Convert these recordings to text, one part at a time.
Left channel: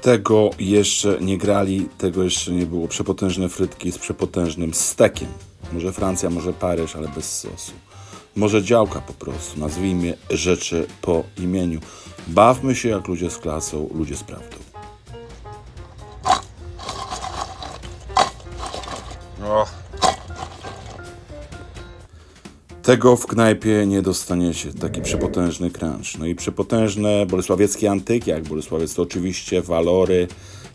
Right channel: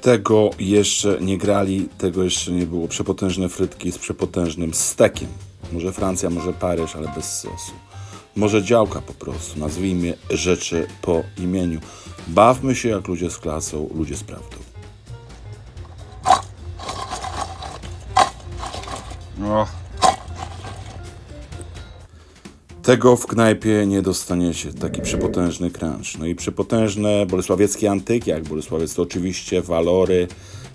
Tego jeszcze nie grali, tego jeszcze nie było. Przepotężne frytki z przepotężnym stekiem. Może Francja, może Paryż, ale bez sosu. Może działka po prostu. Nazwijmy rzeczy po imieniu. Bawmy się jak ludzie z klasą, ludzie z prawdą. Tego w knajpie nie dostaniecie, taki przepotężny crunch. No i przepotężne bolesławieckie antyki, jak Bolesławiec to oczywiście walory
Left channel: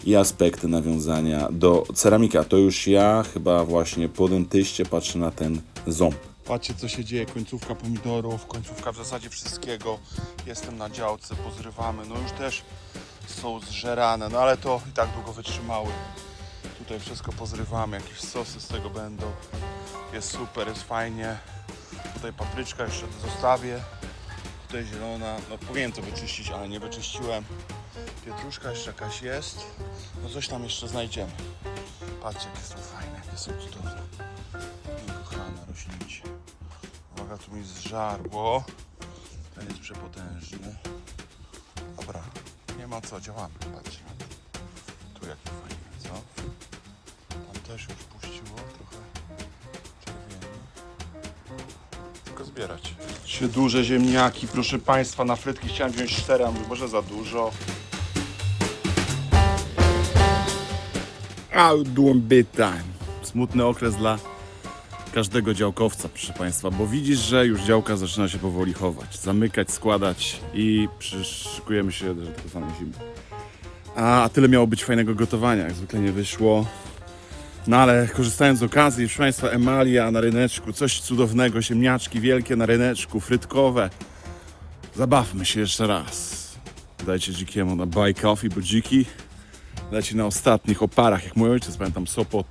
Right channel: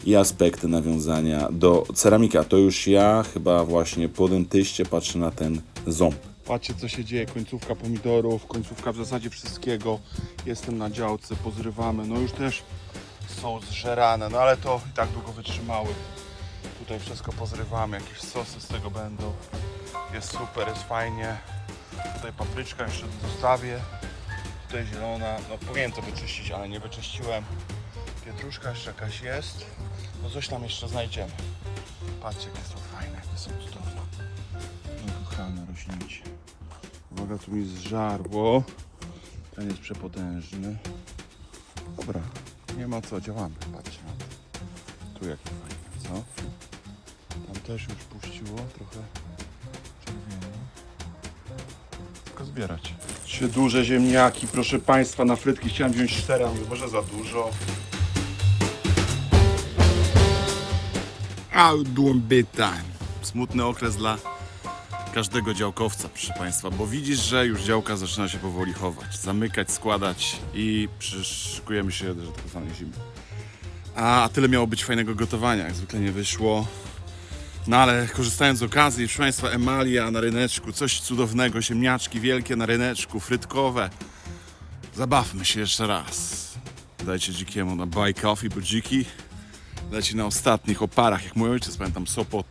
i aspekty nawiązania do ceramika. To już ja chyba właśnie po dentyście patrzę na ten ząb. patrzcie co się dzieje, końcówka pomidorów, końcówka w zasadzie wszystkiego. Jestem na działce, pozrywamy, no już też są zżerane, no ale to i tak długo wytrzymały. Tutaj wszystko pozrywamy, jakieś sosy z tego będą. Jest super, jest fajnie. Tutaj papryczka jeszcze zostawię. Tutaj zielona, no powinienem to wyczyścić, ale nie wyczyściłem. Pietruszka jeszcze jakaś jest. No coś tam jeszcze znajdziemy. Patrzcie, jakie są fajne, jakie są cudowne. Kochane roślinki. Uwaga, tu mi zżarło. Ten jest przepotężny. Dobra, nie ma co, działamy. Patrzcie. Tu jak fajnie, co? Tam też już zbierać. Trzy duże ziemniaki, proszę Państwa, na frytki chciałem wziąć cztery, a może za dużo. Out doing bit time. Smutny okres dla każdego działkowca, proszę Państwa, bo widzisz, że już działka zaczyna się powoli chować, zamykać, składać i przyszykujemy się do tak zwanej zimy. A tyle miało być fajnego gotowania, jak zwykle nie wyszło. No ale korzystając z okazji, proszę Państwa, emalia na ryneczku, coś cudownego, ziemniaczki wielkie na ryneczku, frytkowe. Zabawmy się jeszcze raz. Dajcie dzikiemu na buy coffee, bo dziki leci na ostatnich oparach, jak mój ojciec, pamiętam Sopot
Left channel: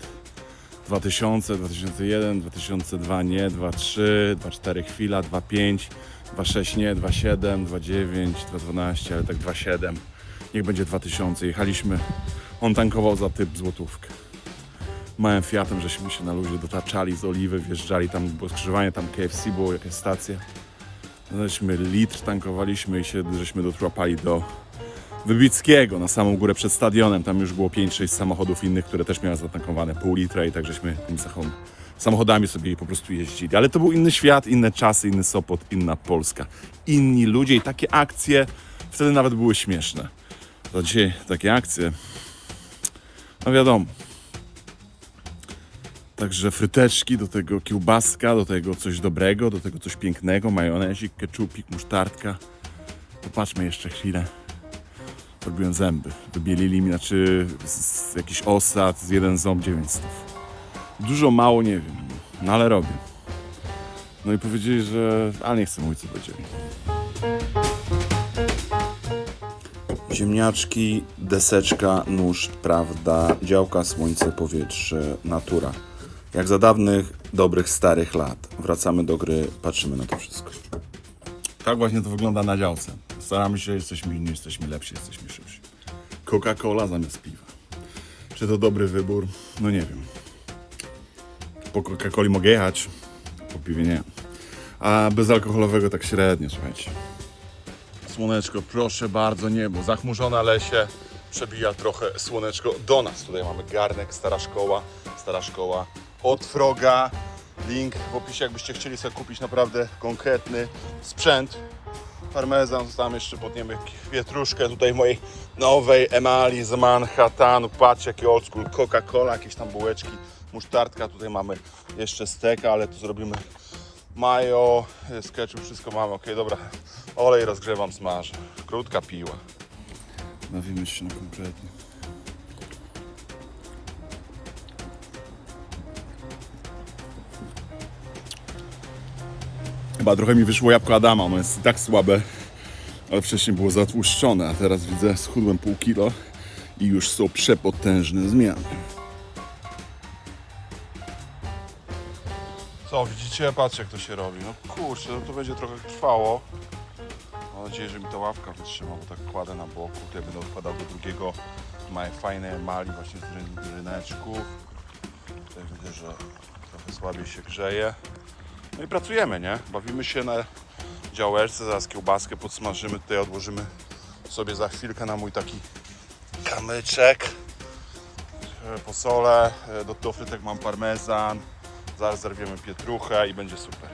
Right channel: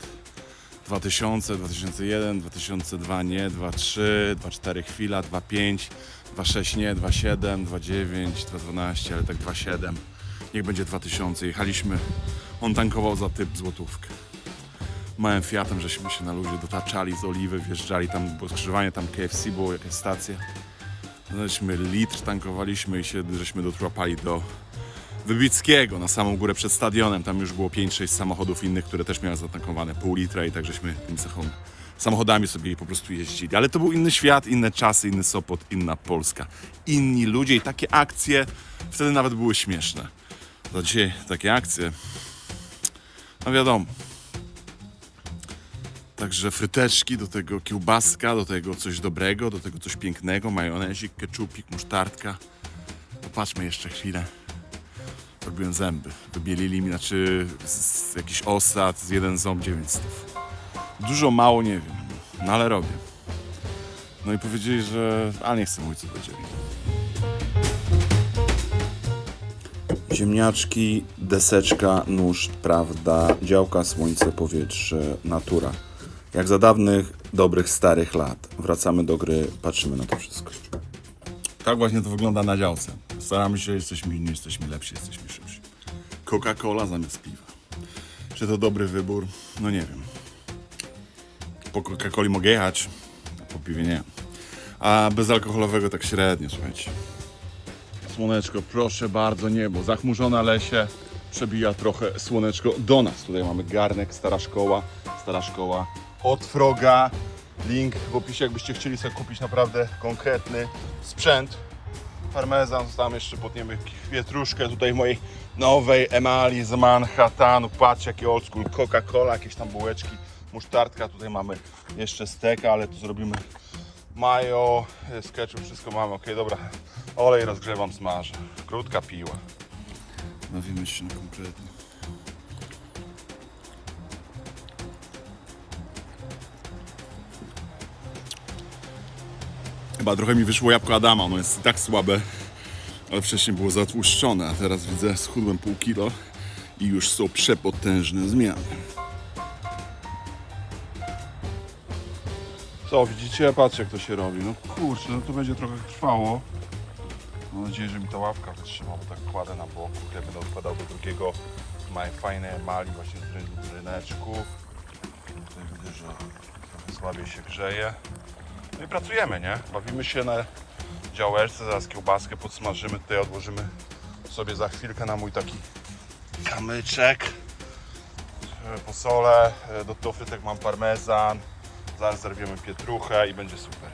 2000, 2001, 2002 nie, 23, 24 chwila, 25, 26 nie, 27, 29, 212, ale tak 27. Niech będzie 2000. Jechaliśmy, on tankował za typ złotówkę. Małym Fiatem, żeśmy się na ludzie dotaczali z Oliwy, wjeżdżali tam, było skrzyżowanie, tam KFC było, jakaś stacja. Żeśmy litr tankowaliśmy i się, żeśmy dotrłapali do Wybickiego na samą górę przed stadionem. Tam już było 5-6 samochodów innych, które też miały zatankowane pół litra i tak żeśmy tymi samochod- samochodami sobie po prostu jeździli. Ale to był inny świat, inne czasy, inny Sopot, inna Polska. Inni ludzie i takie akcje wtedy nawet były śmieszne. Za dzisiaj takie akcje, no wiadomo. Także fryteczki, do tego kiełbaska, do tego coś dobrego, do tego coś pięknego, majonezik, keczupik, musztardka. Popatrzmy jeszcze chwilę. Robiłem zęby. Wybielili mi, znaczy z, jakiś osad, z jeden ząb 900. Dużo, mało, nie wiem, no ale robię. No i powiedzieli, że, ale nie chcę mówić co powiedzieli. Ziemniaczki, deseczka, nóż, prawda, działka, słońce, powietrze, natura. Jak za dawnych, dobrych, starych lat. Wracamy do gry, patrzymy na to wszystko. Tak właśnie to wygląda na działce. Staramy się, jesteśmy inni, jesteśmy lepsi, jesteśmy szybsi. Coca-Cola zamiast piwa. Czy to dobry wybór? No nie wiem. Po Coca-Coli mogę jechać, po piwie nie. A bezalkoholowego tak średnio, słuchajcie. Słoneczko, proszę bardzo, niebo. Zachmurzone lesie. Przebija trochę słoneczko do nas. Tutaj mamy garnek, stara szkoła. Stara szkoła od Froga. Link w opisie, jakbyście chcieli sobie kupić naprawdę konkretny sprzęt. Parmezan, tam jeszcze podniemy pietruszkę tutaj mojej nowej emali z Manhattanu. Patrzcie jaki ockół, Coca-Cola, jakieś tam bułeczki, musztardka. Tutaj mamy jeszcze steka, ale tu zrobimy mayo, z ketchup, wszystko mamy. Ok, dobra, olej rozgrzewam, smażę. Krótka piła. Bawimy się na konkretnie. Chyba trochę mi wyszło jabłko Adama, ono jest i tak słabe, ale wcześniej było zatłuszczone, a teraz widzę schudłem pół kilo i już są przepotężne zmiany. Co, widzicie? Patrzcie jak to się robi. No kurczę, no to będzie trochę trwało. Mam nadzieję, że mi ta ławka wytrzyma, bo tak kładę na boku. Tutaj będę odkładał do drugiego małej fajnej emali właśnie z ryn- ryneczku. Tutaj widzę, że słabiej się grzeje. No i pracujemy, nie? Bawimy się na działeczce, zaraz kiełbaskę podsmażymy, tutaj odłożymy sobie za chwilkę na mój taki kamyczek. Posolę, e, do tych frytek mam parmezan. Zaraz zerwiemy pietruchę i będzie super.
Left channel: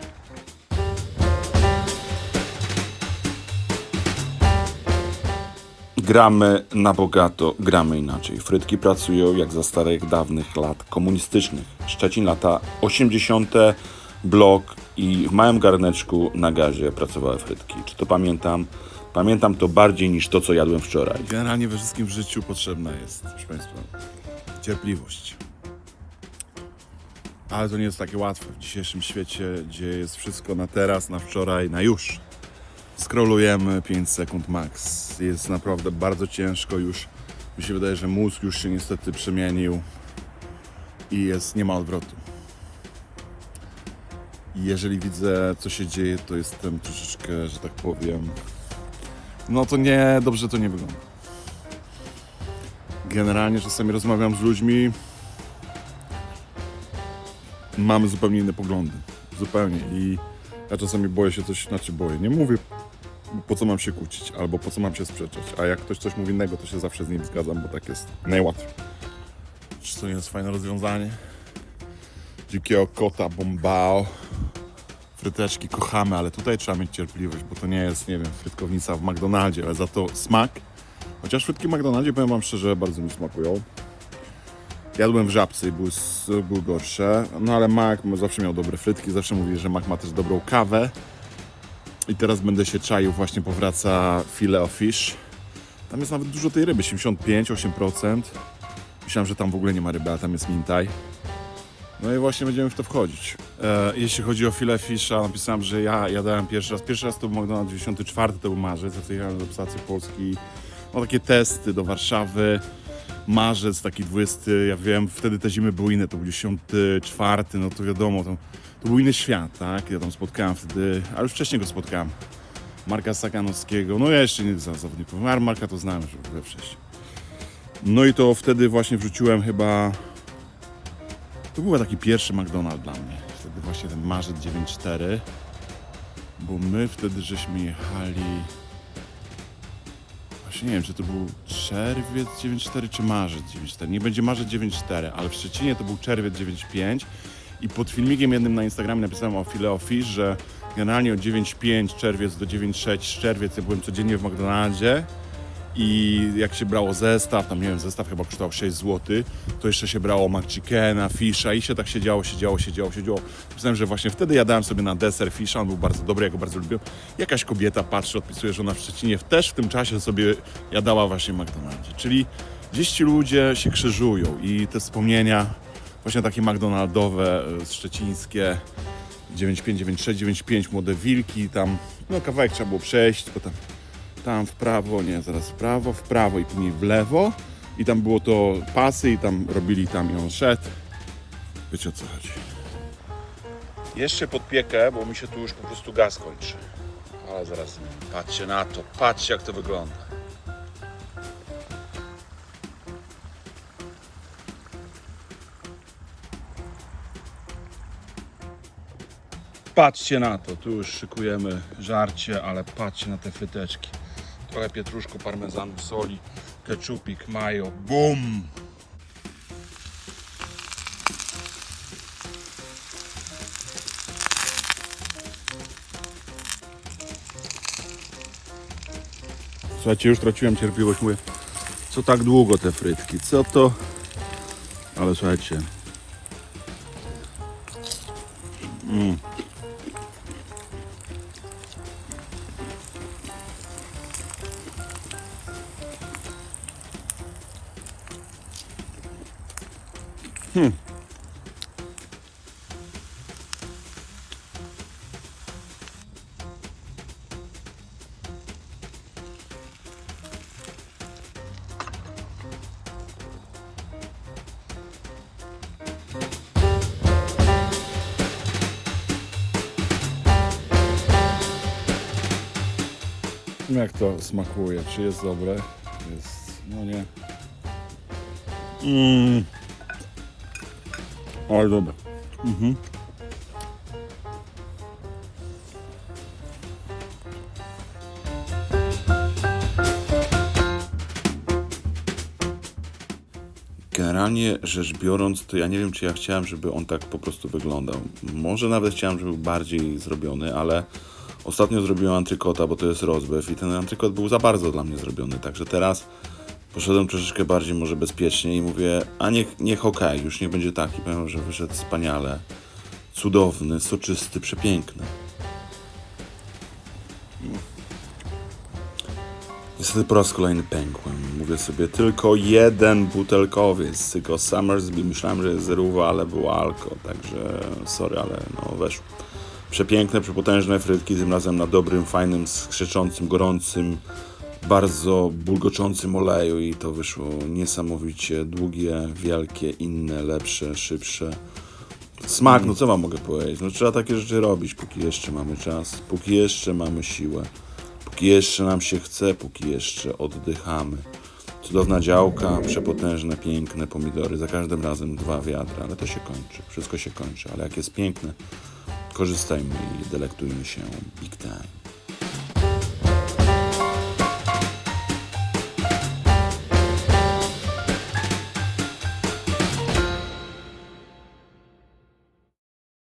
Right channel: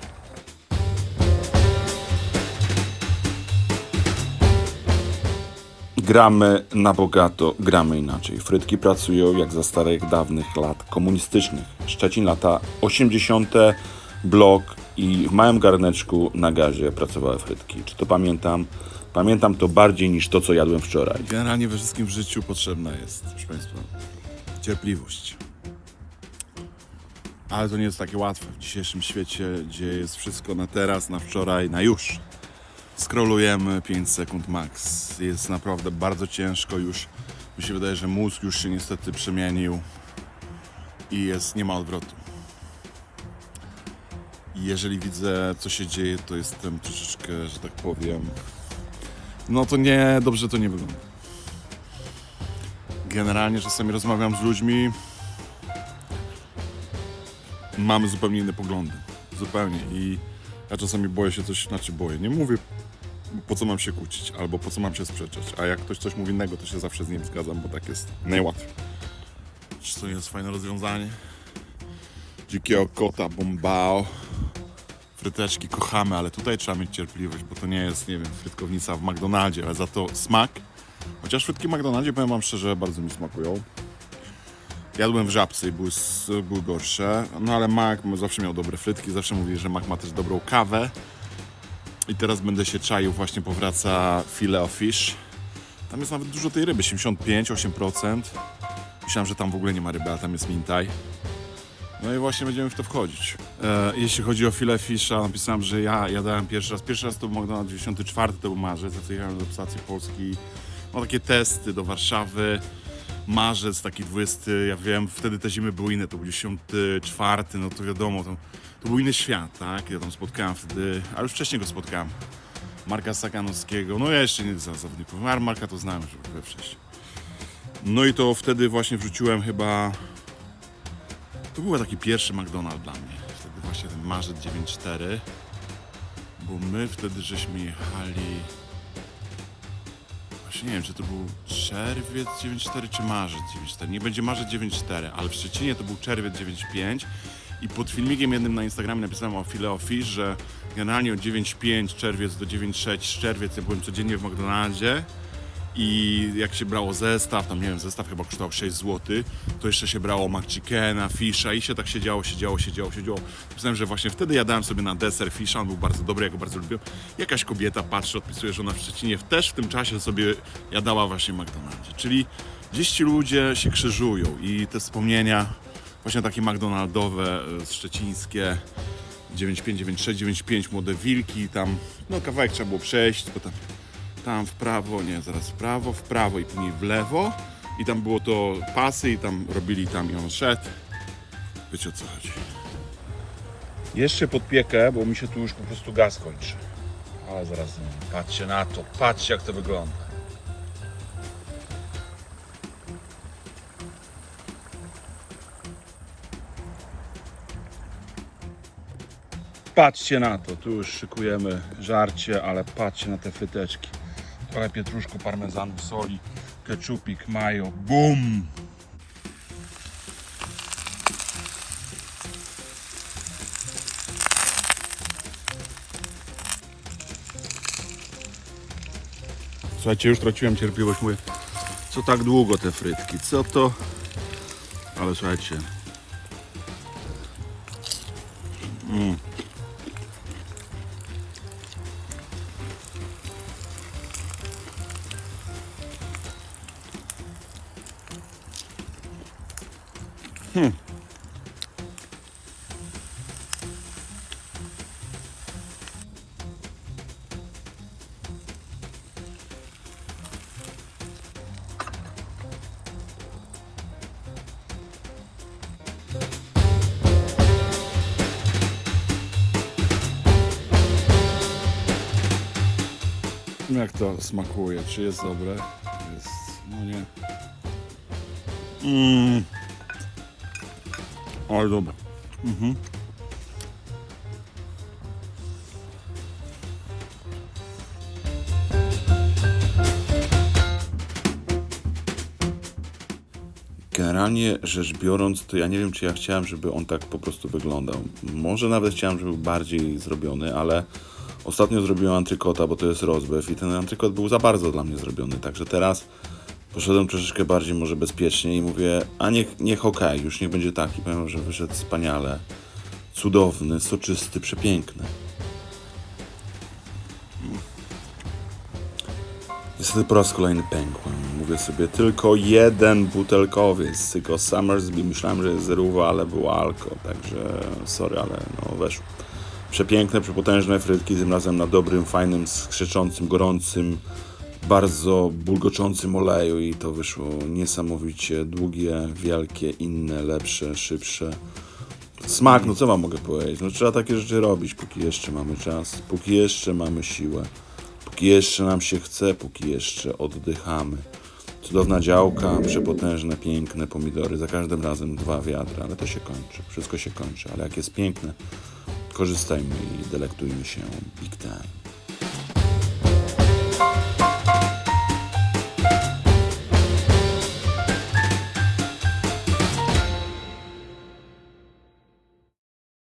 Gramy na bogato, gramy inaczej. Frytki pracują jak za starych, dawnych lat komunistycznych. Szczecin lata 80. blok i w małym garneczku na gazie pracowały frytki. Czy to pamiętam? Pamiętam to bardziej niż to, co jadłem wczoraj. Generalnie we wszystkim w życiu potrzebna jest, proszę Państwa, cierpliwość. Ale to nie jest takie łatwe w dzisiejszym świecie, gdzie jest wszystko na teraz, na wczoraj, na już. Skrolujemy 5 sekund max. Jest naprawdę bardzo ciężko już. Mi się wydaje, że mózg już się niestety przemienił i jest, nie ma odwrotu. Jeżeli widzę, co się dzieje, to jestem troszeczkę, że tak powiem, no to nie, dobrze to nie wygląda. Generalnie czasami rozmawiam z ludźmi, mamy zupełnie inne poglądy. Zupełnie. I ja czasami boję się coś, znaczy boję. Nie mówię, po co mam się kłócić, albo po co mam się sprzeczać. A jak ktoś coś mówi innego, to się zawsze z nim zgadzam, bo tak jest najłatwiej. Czy to jest fajne rozwiązanie? Dzikiego kota, bombao. Fryteczki kochamy, ale tutaj trzeba mieć cierpliwość, bo to nie jest, nie wiem, frytkownica w McDonaldzie, ale za to smak. Chociaż frytki w McDonaldzie, powiem Wam szczerze, bardzo mi smakują. Jadłem w Żabce i były, były gorsze, no ale Mac zawsze miał dobre frytki, zawsze mówi, że Mac ma też dobrą kawę. I teraz będę się czaił, właśnie powraca filet of fish. Tam jest nawet dużo tej ryby, 75-8%. Myślałem, że tam w ogóle nie ma ryby, a tam jest mintaj. No i właśnie będziemy w to wchodzić. E, jeśli chodzi o filet fisza, napisałem, że ja jadałem pierwszy raz. Pierwszy raz to był McDonald's 94, to był marzec, ja jechałem do stacji polskiej. No takie testy do Warszawy. Marzec, taki 20, ja wiem, wtedy te zimy były inne, to był 94, no to wiadomo, to, to był inny świat, tak? Ja tam spotkałem wtedy, a już wcześniej go spotkałem. Marka Sakanowskiego, no ja jeszcze nie za zawodników, Marka to znałem we wcześniej. No i to wtedy właśnie wrzuciłem chyba to był taki pierwszy McDonald's dla mnie. Właśnie ten marzec 9.4. Bo my wtedy żeśmy jechali. Właśnie nie wiem, czy to był czerwiec 9.4 czy marzec 9.4. Nie będzie marzec 9.4, ale w Szczecinie to był czerwiec 9.5. I pod filmikiem jednym na Instagramie napisałem o Fish, że generalnie od 9.5 czerwiec do 9.6 czerwiec ja byłem codziennie w McDonaldzie. I jak się brało zestaw, tam nie wiem, zestaw chyba kosztował 6 zł, to jeszcze się brało McChickena, fisza i się tak siedziało, siedziało, siedziało, siedziało. Myślałem, że właśnie wtedy jadałem sobie na deser fisza, on był bardzo dobry, ja go bardzo lubiłem. Jakaś kobieta patrzy, odpisuje, że ona w Szczecinie też w tym czasie sobie jadała właśnie McDonaldzie. Czyli gdzieś ci ludzie się krzyżują i te wspomnienia właśnie takie McDonaldowe, e, szczecińskie, 95, 96, 95 młode wilki, tam no kawałek trzeba było przejść, potem tam w prawo, nie, zaraz w prawo, w prawo i później w lewo i tam było to pasy i tam robili tam i on szedł. Wiecie o co chodzi. Jeszcze podpiekę, bo mi się tu już po prostu gaz kończy. Ale zaraz, patrzcie na to, patrzcie jak to wygląda. Patrzcie na to, tu już szykujemy żarcie, ale patrzcie na te fryteczki. Trochę pietruszku, parmezanu, soli, keczupik, mayo, bum! Słuchajcie, już traciłem cierpliwość, mówię, co tak długo te frytki, co to? Ale słuchajcie, Jak to smakuje? Czy jest dobre? Jest. No nie. Mm. Ale dobra. Mhm. Generalnie rzecz biorąc, to ja nie wiem, czy ja chciałem, żeby on tak po prostu wyglądał. Może nawet chciałem, żeby był bardziej zrobiony, ale ostatnio zrobiłem antrykota, bo to jest rozbew i ten antrykot był za bardzo dla mnie zrobiony. Także teraz poszedłem troszeczkę bardziej może bezpiecznie i mówię, a niech, niech okej, już niech będzie taki. Powiem, że wyszedł wspaniale, cudowny, soczysty, przepiękny. Niestety po raz kolejny pękłem. Mówię sobie, tylko jeden butelkowiec, tylko Summersby. Myślałem, że jest zerówa, ale było alko, także sorry, ale no weszło. Przepiękne, przepotężne frytki, tym razem na dobrym, fajnym, skrzeczącym, gorącym, bardzo bulgoczącym oleju i to wyszło niesamowicie długie, wielkie, inne, lepsze, szybsze. Smak, no co wam mogę powiedzieć? No trzeba takie rzeczy robić, póki jeszcze mamy czas, póki jeszcze mamy siłę, póki jeszcze nam się chce, póki jeszcze oddychamy. Cudowna działka, przepotężne, piękne pomidory, za każdym razem dwa wiadra, ale to się kończy, wszystko się kończy, ale jak jest piękne, korzystajmy i delektujmy się big time.